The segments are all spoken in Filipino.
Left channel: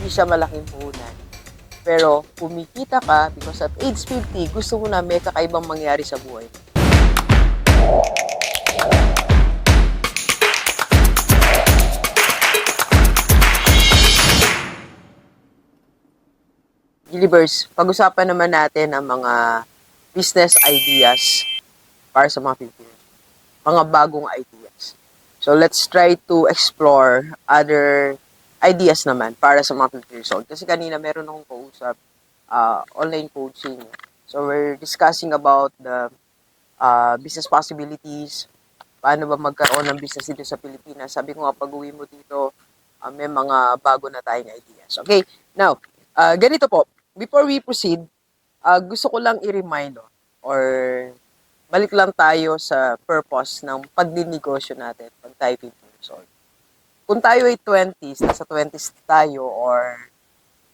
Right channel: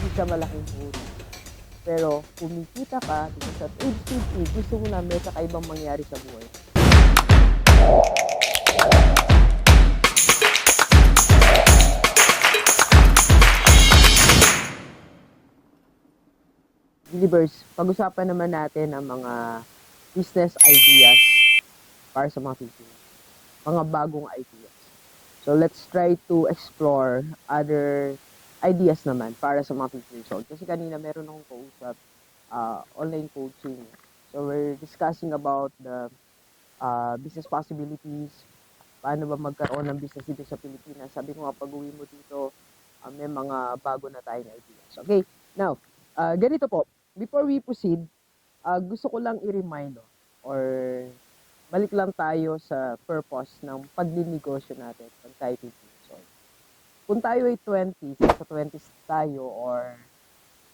hindi siya malaking puhunan. Pero kumikita ka because at age 50, gusto mo na may kakaibang mangyari sa buhay. Gilibers, pag-usapan naman natin ang mga business ideas para sa mga Pilipino. Mga bagong ideas. So let's try to explore other ideas naman para sa mga 50 years old. Kasi kanina meron akong kausap, uh, online coaching. So we're discussing about the uh, business possibilities, paano ba magkaroon ng business dito sa Pilipinas. Sabi ko nga, pag uwi mo dito, uh, may mga bago na tayong ideas. Okay, now, uh, ganito po, before we proceed, uh, gusto ko lang i-remind no, or balik lang tayo sa purpose ng pagdinegosyo natin pag tayo 50 years old. Kung tayo ay 20s, nasa 20s tayo, or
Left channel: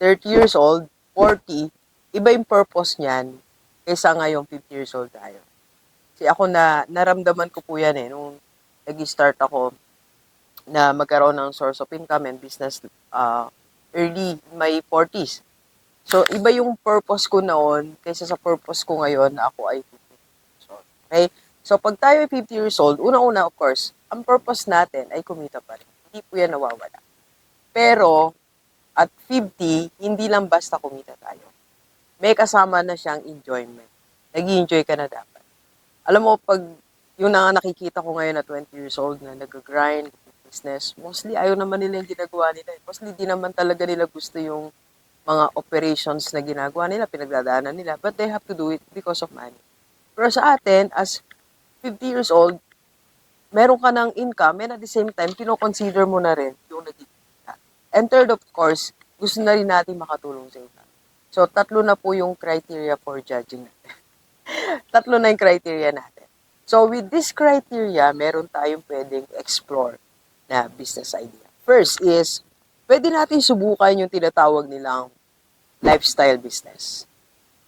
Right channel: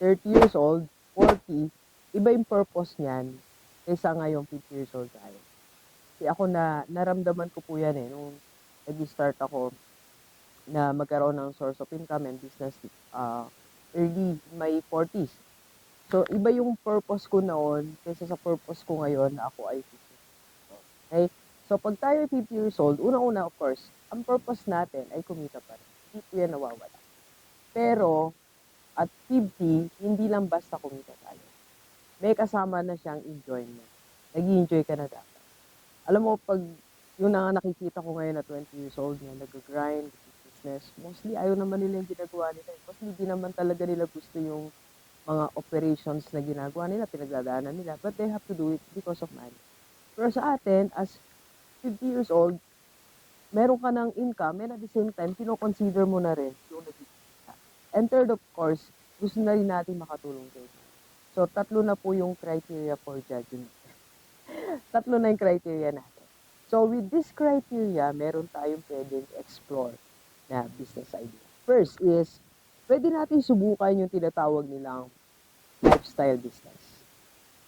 30 years old, 40, iba yung purpose niyan kaysa ngayong 50 years old tayo. Kasi ako na, naramdaman ko po yan eh, nung nag-start ako na magkaroon ng source of income and business uh, early my 40s. So, iba yung purpose ko noon kaysa sa purpose ko ngayon na ako ay 50 years old. Okay? So, pag tayo ay 50 years old, una-una, of course, ang purpose natin ay kumita pa rin. Hindi po yan nawawala. Pero, at 50, hindi lang basta kumita tayo. May kasama na siyang enjoyment. nag enjoy ka na dapat. Alam mo, pag yung na nakikita ko ngayon na 20 years old na nag-grind, business, mostly ayaw naman nila yung ginagawa nila. eh. Mostly di naman talaga nila gusto yung mga operations na ginagawa nila, pinagdadaanan nila. But they have to do it because of money. Pero sa atin, as 50 years old, meron ka ng income and at the same time, kinoconsider mo na rin yung nagkikita. And third, of course, gusto na rin natin makatulong sa iba. So, tatlo na po yung criteria for judging natin. tatlo na yung criteria natin. So, with this criteria, meron tayong pwedeng explore na business idea. First is, pwede natin subukan yung tinatawag nilang lifestyle business.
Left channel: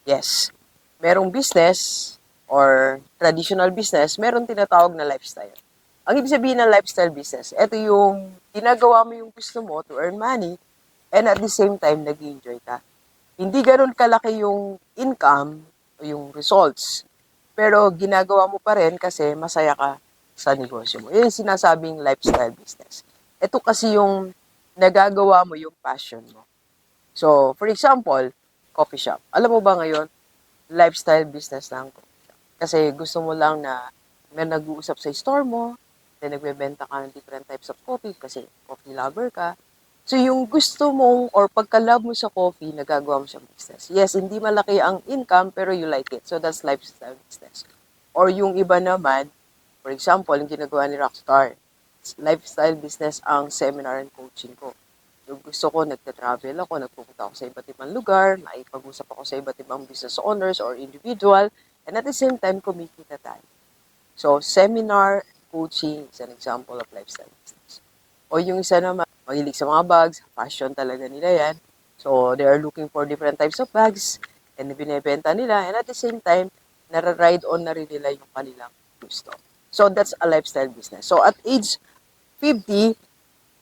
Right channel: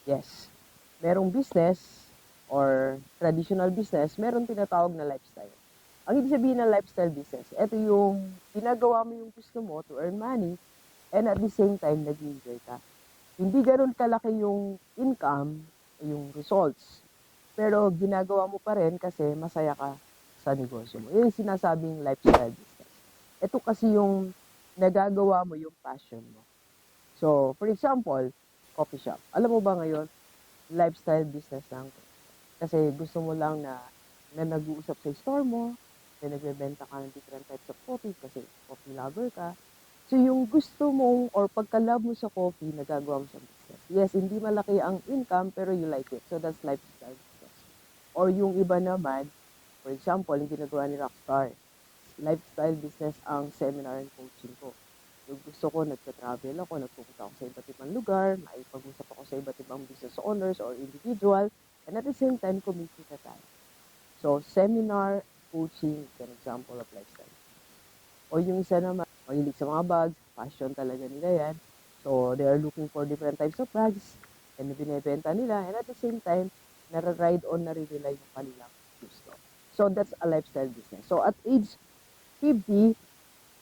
Yes, merong business or traditional business, meron tinatawag na lifestyle. Ang ibig sabihin ng lifestyle business, ito yung ginagawa mo yung gusto mo to earn money and at the same time, nag enjoy ka. Hindi ganun kalaki yung income o yung results, pero ginagawa mo pa rin kasi masaya ka sa negosyo mo. Yun sinasabing lifestyle business. Ito kasi yung nagagawa mo yung passion mo. So, for example, coffee shop. Alam mo ba ngayon, lifestyle business lang. Kasi gusto mo lang na may nag-uusap sa store mo, then nagbebenta ka ng different types of coffee kasi coffee lover ka. So, yung gusto mong or pagka-love mo sa coffee, nagagawa mo siyang business. Yes, hindi malaki ang income, pero you like it. So, that's lifestyle business. Or yung iba naman, for example, yung ginagawa ni Rockstar, lifestyle business ang seminar and coaching ko. Yung gusto ko, nagta-travel ako, nagpupunta ako sa iba't ibang lugar, maipag-usap ako sa iba't ibang business owners or individual, and at the same time, kumikita tayo. So, seminar, coaching is an example of lifestyle business. O yung isa naman, mahilig sa mga bags, passion talaga nila yan. So, they are looking for different types of bags, and binibenta nila, and at the same time, nara-ride on na rin nila yung kanilang gusto. So, that's a lifestyle business. So, at age 50,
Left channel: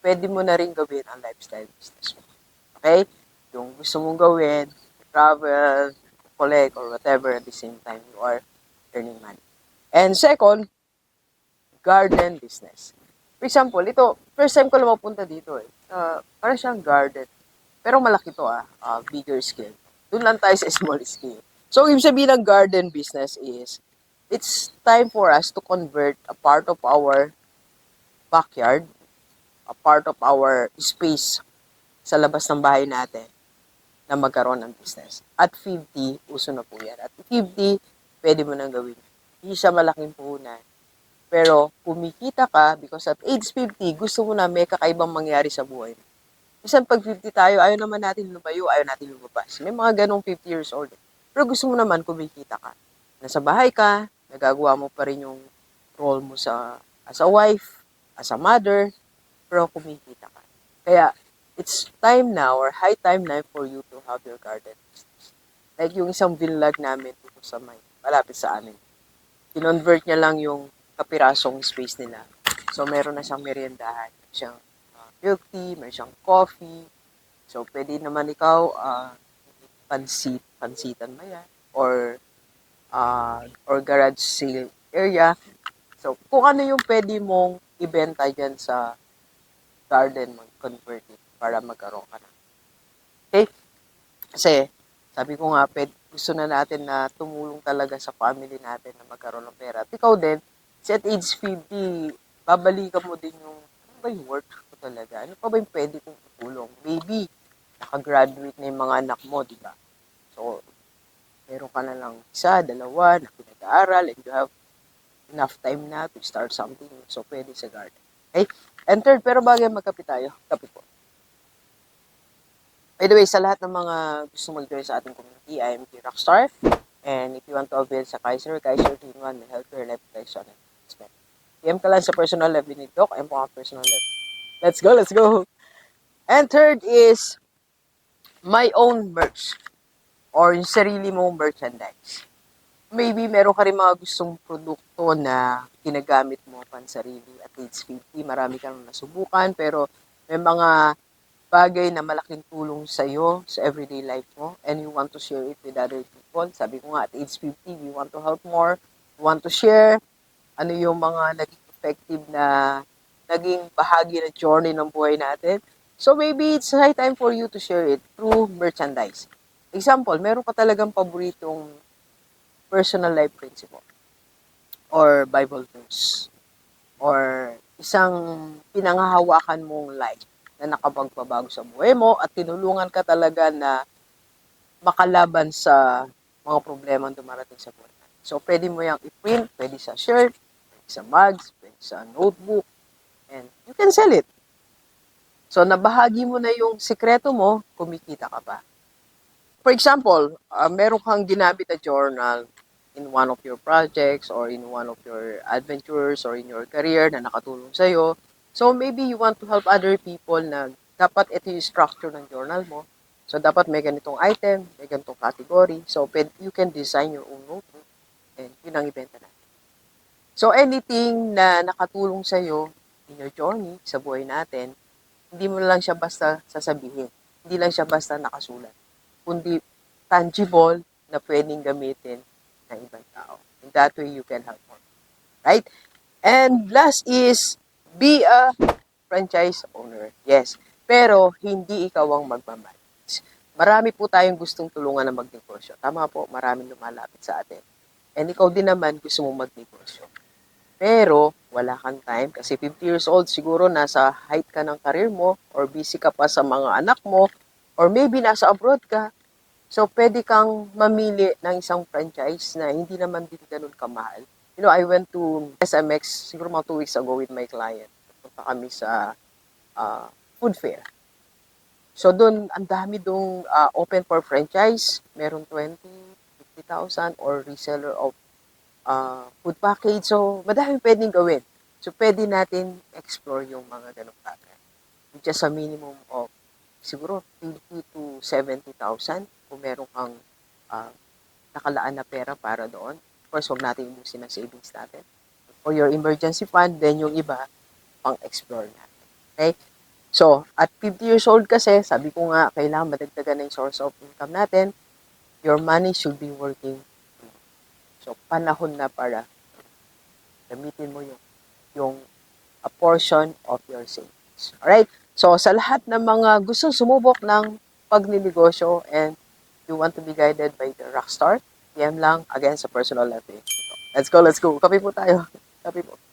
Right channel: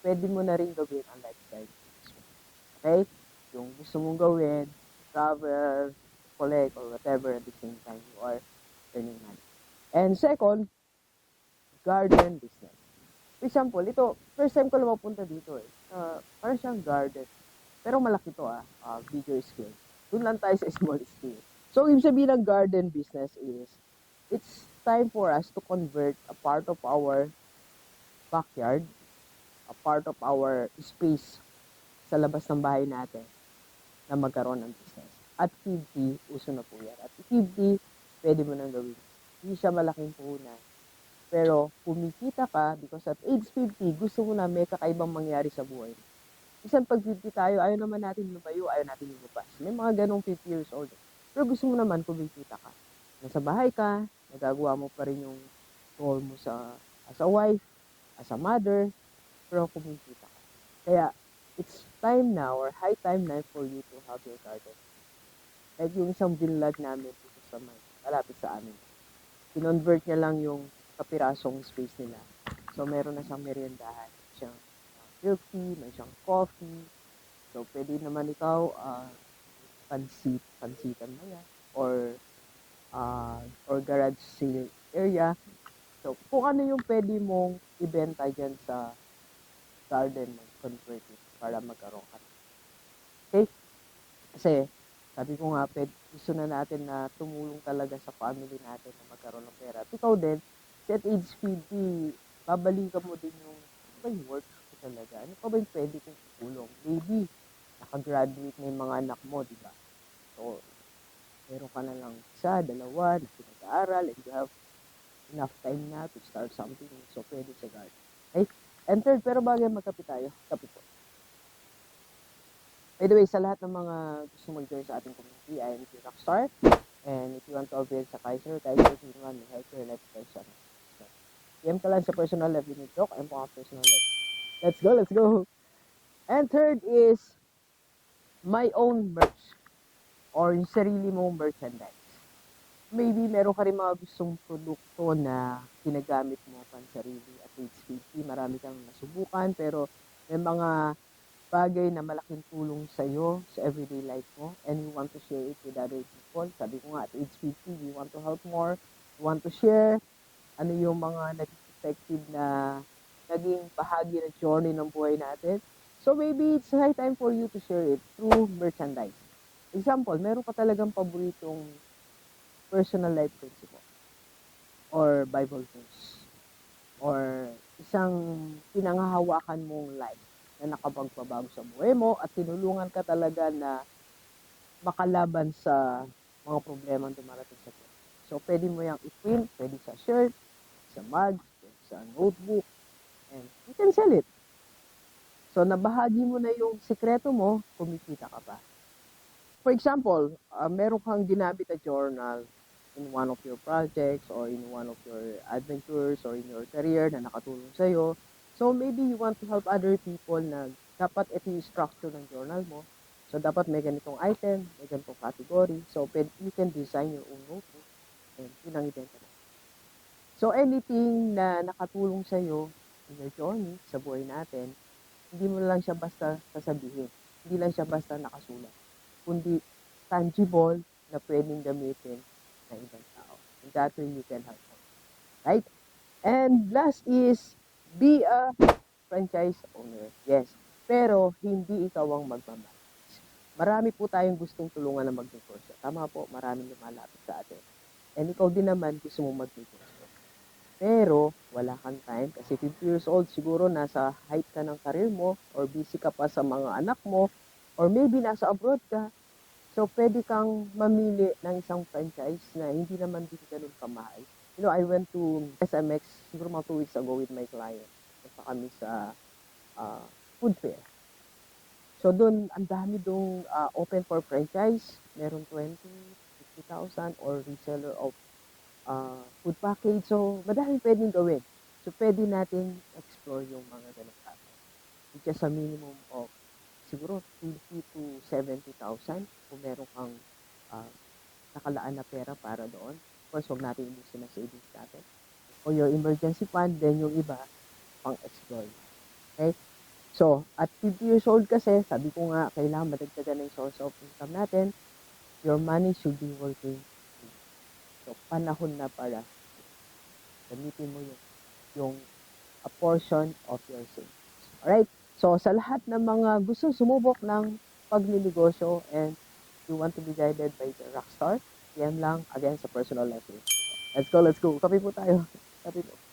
pwede mo na rin gawin ang lifestyle business mo. Okay? Yung gusto mong gawin, travel, collect, or whatever, at the same time, you are earning money. And second, garden business. For example, ito, first time ko lang mapunta dito eh. Uh, parang siyang garden. Pero malaki to ah, uh, bigger scale. Doon lang tayo sa small scale. So, ibig sabihin ng garden business is, it's time for us to convert a part of our backyard, a part of our space sa labas ng bahay natin na magkaroon ng business. At 50, uso na po yan. At 50, pwede mo nang gawin. Hindi siya malaking puhunan. Pero kumikita ka because at age 50, gusto mo na may kakaibang mangyari sa buhay mo. Minsan pag 50 tayo, ayaw naman natin lumayo, ayaw natin lumabas. May mga ganong 50 years old. Pero gusto mo naman kumikita ka. Nasa bahay ka, nagagawa mo pa rin yung role mo sa as a wife, as a mother, pero kumikita ka. Kaya, it's time now or high time na for you to have your garden. Like yung isang vinlag namin dito sa may, malapit sa amin. Kinonvert niya lang yung kapirasong space nila. So, meron na siyang meriendahan. Meron siyang uh, milk tea, meron siyang coffee, So, pwede naman ikaw, ah, pansit, pansitan mo yan, or, ah, or garage sale area. So, kung ano yung pwede mong ibenta dyan sa garden mo, convert it para magkaroon ka na. Okay? Kasi, sabi ko nga, pwede, gusto na natin na tumulong talaga sa family natin na magkaroon ng pera. At ikaw din, kasi at age 50, babalikan mo din yung, ano ba yung work ko talaga? Ano pa ba yung pwede kong tutulong? Maybe, nakagraduate na yung mga anak mo, di ba? So, meron ka na lang isa, dalawa, na pinag-aaral, and you have enough time na to start something. So, pwede sa garden. Okay? And third, pero bagay magkape tayo. Kape po. By the way, sa lahat ng mga gusto mag-join sa ating community, I am K Rockstar. And if you want to avail sa Kaiser, Kaiser 1 will help your life protection. PM ka lang sa personal level ni Doc. Ayun po ang personal level. Let's go, let's go. And third is my own merch or yung sarili mong merchandise. Maybe meron ka rin mga gustong produkto na ginagamit mo pansarili at age 50. Marami kang nasubukan pero may mga bagay na malaking tulong sa iyo sa everyday life mo and you want to share it with other people. Sabi ko nga at age 50, we want to help more. We want to share ano yung mga naging effective na naging bahagi ng journey ng buhay natin. So maybe it's high time for you to share it through merchandise. Example, meron ka talagang paboritong personal life principle or Bible verse or isang pinangahawakan mong life na nakapagpabago sa buhay mo at tinulungan ka talaga na makalaban sa mga problema dumarating sa buhay. So, pwede mo yung i-print, pwede sa shirt, sa mugs, pwede sa notebook, and you can sell it. So, nabahagi mo na yung sikreto mo, kumikita ka pa. For example, uh, meron kang ginamit na journal in one of your projects or in one of your adventures or in your career na nakatulong sa'yo. So, maybe you want to help other people na dapat ito yung structure ng journal mo. So, dapat may ganitong item, may ganitong category. So, you can design your own notebook and yun ang ibenta na. So, anything na nakatulong sa'yo in your journey sa buhay natin, hindi mo lang siya basta sasabihin. Hindi lang siya basta nakasulat. Kundi tangible na pwedeng gamitin ng ibang tao. And that way, you can help more. Right? And last is, be a franchise owner. Yes. Pero, hindi ikaw ang magmamanage. Marami po tayong gustong tulungan na magnegosyo. Tama po, maraming lumalapit sa atin. And ikaw din naman gusto mong magnegosyo. Pero, wala kang time kasi 50 years old, siguro nasa height ka ng career mo or busy ka pa sa mga anak mo or maybe nasa abroad ka. So, pwede kang mamili ng isang franchise na hindi naman din ganun kamahal. You know, I went to SMX siguro mga two weeks ago with my client. Punta kami sa ah, food fair. So, doon, ang dami doon open for franchise. Meron 20, 50,000 or reseller of uh, food package. So, madaming pwedeng gawin. So, pwede natin explore yung mga ganong bagay. Just a minimum of siguro 50 to 70,000 kung meron kang ah, nakalaan na pera para doon. Of course, huwag natin ibusin ang savings natin. For your emergency fund, then yung iba, pang-explore natin. Okay? So, at 50 years old kasi, sabi ko nga, kailangan madagdagan na yung source of income natin. Your money should be working So, panahon na para gamitin mo yung, yung a portion of your savings. Alright? So, sa lahat ng mga gustong sumubok ng pagninegosyo and you want to be guided by the rockstar, PM lang again sa personal level. Let's go, let's go. Kape po tayo. Kape po.